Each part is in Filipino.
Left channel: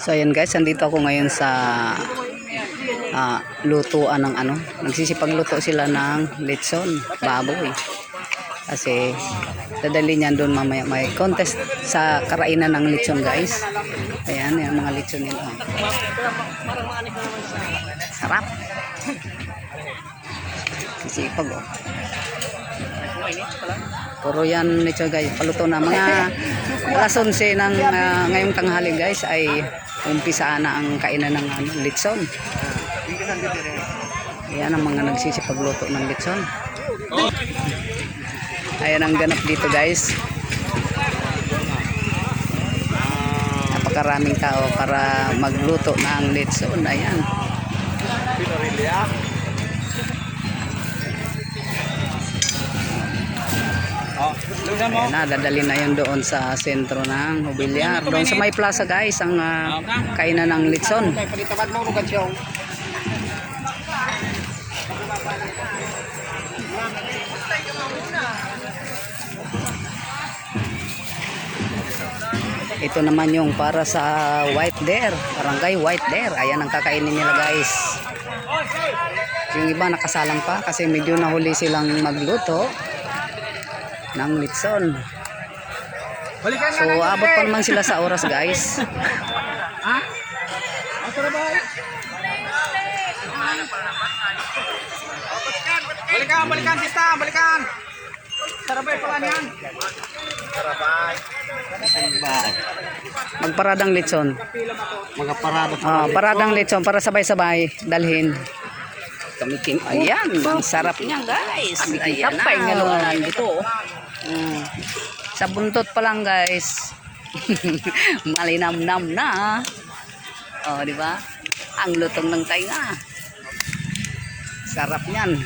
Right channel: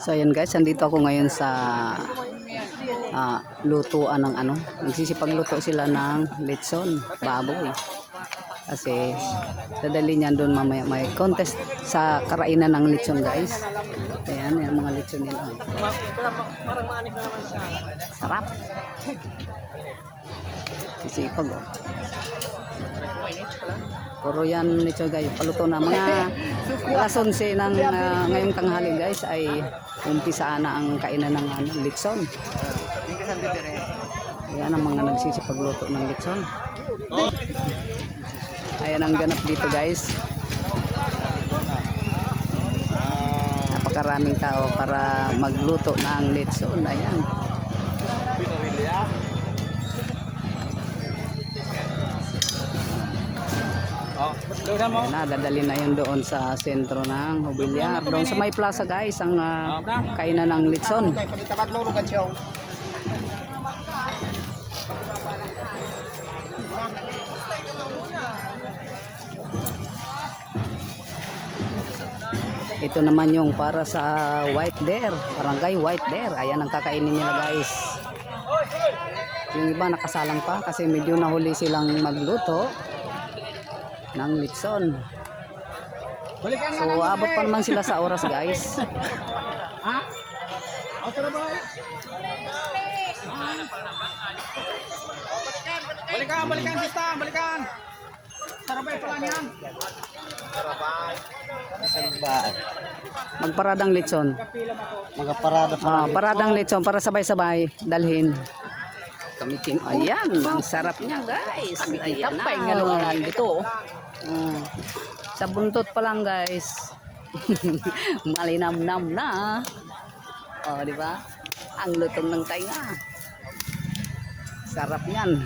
So ayan guys, nandito ako ngayon sa ah, lutuan ng ano. Nagsisipagluto sila ng litson, baboy. Kasi dadali niyan doon mamaya may contest sa karainan ng litson guys. Ayan, yung mga litson nila. Sarap. Sisipag oh. Puro yan litson guys. Paluto na mga alas 11 ng ah, ngayong tanghali guys ay umpisa na ang kainan ng ano, litson. Ayan ang mga nagsisipagluto ng litson. Ayan ang ganap dito guys. Napakaraming tao para magluto ng litson. Ayan. Ayan na, dadali na yun doon sa sentro ng Hubilyar. Doon sa may plaza guys, ang ah, kainan ng litson. Ito naman yung para sa white dare, barangay white dare. Ayan ang kakainin nila guys. Yung iba nakasalang pa kasi medyo nahuli silang magluto ng litson. So abot pa naman sila sa oras guys. Balikan, balikan, sista, balikan. Sarabay pala niyan. Magparadang litson. Magaparada Ah, paradang litson para sabay-sabay dalhin. Kami king. Ayan, ang sarap niya guys. Ayan Tapay nga na. naman ito. Sa buntot pa lang guys. Malinamnam na. Oh, di ba? Ang lutong ng tainga. Sarap niyan.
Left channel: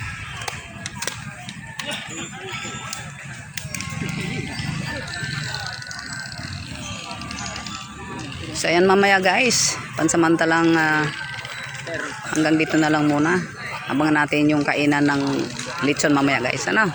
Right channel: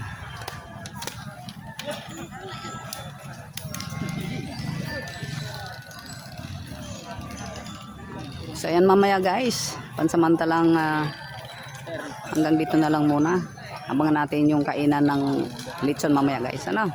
So ayan mamaya guys. Pansamantalang ah, hanggang dito na lang muna. Abangan natin yung kainan ng lechon mamaya guys. Ano?